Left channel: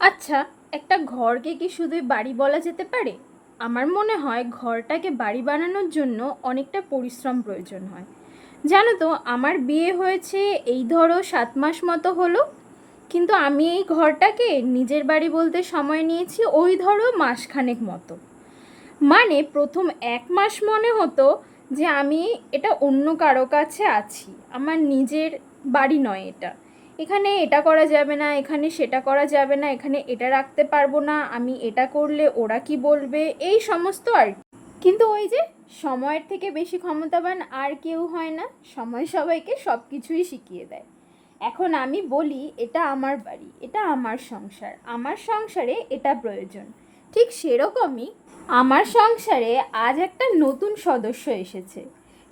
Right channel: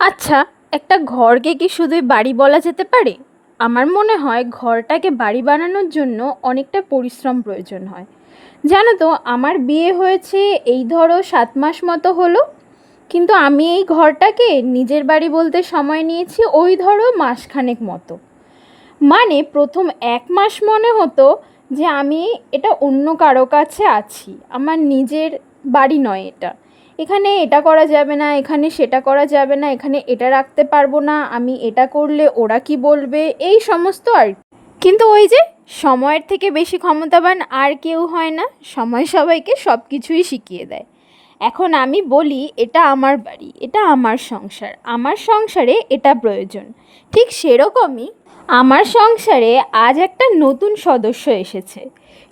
আচ্ছা, একটা ঘরকে কি শুধুই বাড়ি বলা যেতে পারে? আমার মনে হয় ঘরটাকে বাড়ি বানানোর জন্য অনেকটা পরিশ্রম প্রয়োজন হয়। জানো তো, আমার বিয়ে হয়েছে এই ধরো 7 মাস মতো হলো, কিন্তু আমি এই ঘরটাকে নিজের বাড়ি বলতে সময় নিয়েছি ওই ধরো মাসখানেক মতো। মানে প্রথম 1 মাস মনে হতো যে আমি এটা অন্য কারো কাছে আছি, আমার নিজের বাড়ি নয় এটা। এখানে এটা করা যাবে না, এখানে সেটা করা যাবে না, এখানে এটা রাখতে পারবো না, আমি এটা করলে ওরা কি বলবে, এই সমস্ত আর কি। কিন্তু ওই যে, সময়ের থেকে বেশি ক্ষমতাবান আর কেউ হয় না। সময় সবাইকে সব কিছুই শিখিয়ে দেয়। এখন আমি বলি এটা আমার বাড়ি, এটা আমার সংসার, আমার সংসারে এটা প্রয়োজন। ঠিক সেরকমই আমার সংসারে আজ একটা নতুন সদস্য এসেছে।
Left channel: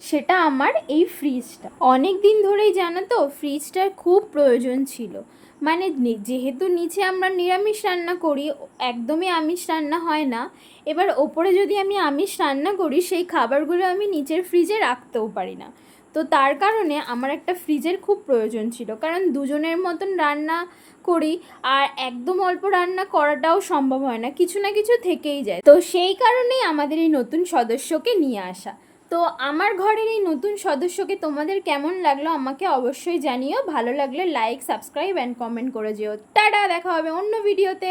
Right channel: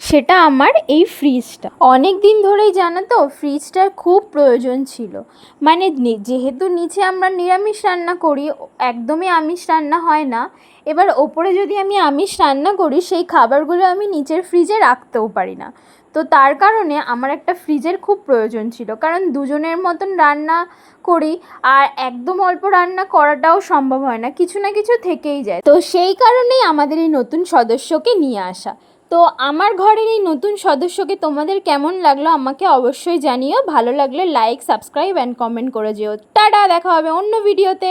সেটা আমার এই ফ্রিজটা। অনেক দিন ধরেই জানো তো, ফ্রিজটার খুব প্রয়োজন ছিল। মানে যেহেতু নিচে আমরা নিরামিষ রান্না করি, একদমই আমিষ রান্না হয় না। এবার ওপরে যদি আমি আমিষ রান্না করি, সেই খাবারগুলো আমি নিচের ফ্রিজে রাখতেও পারি না। তো তার কারণে আমার একটা ফ্রিজের খুব প্রয়োজন ছিল, কারণ দুজনের মতন রান্না করি, আর একদম অল্প রান্না করাটাও সম্ভব হয় না, কিছু না কিছু থেকেই যায়। তো সেই কারণেই আমাদের এই নতুন সদস্যকে নিয়ে আসা। তো আমার ঘরের এই নতুন সদস্যকে তোমাদের কেমন লাগলো আমাকে অবশ্যই জানিও। ভালো লাগলে লাইক, সাবস্ক্রাইব অ্যান্ড কমেন্ট করে যেও। টাটা, দেখা হবে অন্য ভিডিওতে।